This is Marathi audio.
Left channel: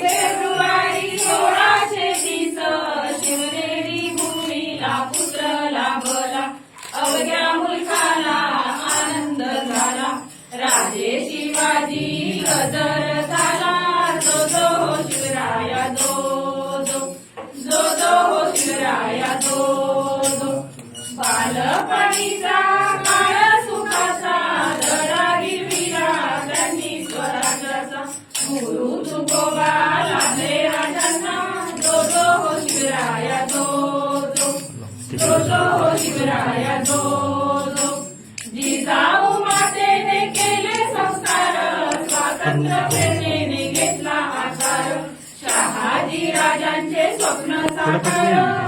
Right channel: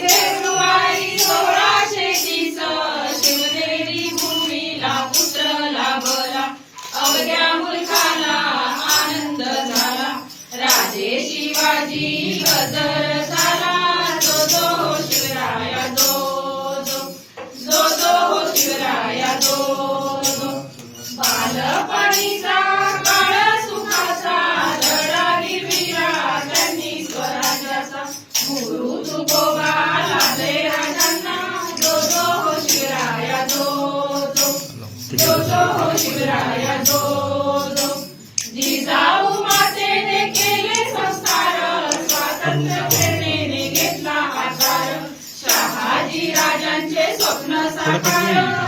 फेब्रुवारी अवघ्या मुलखाला आनंद झाला. शिवाजी झाला. जो जो. हो हो बालपणीचा गुरु तुकोबा लाभे जो जो हो शिवराया जो जो जो जो हो शिवराया जो घेतला शहाजी राजांचे स्वप्न साकार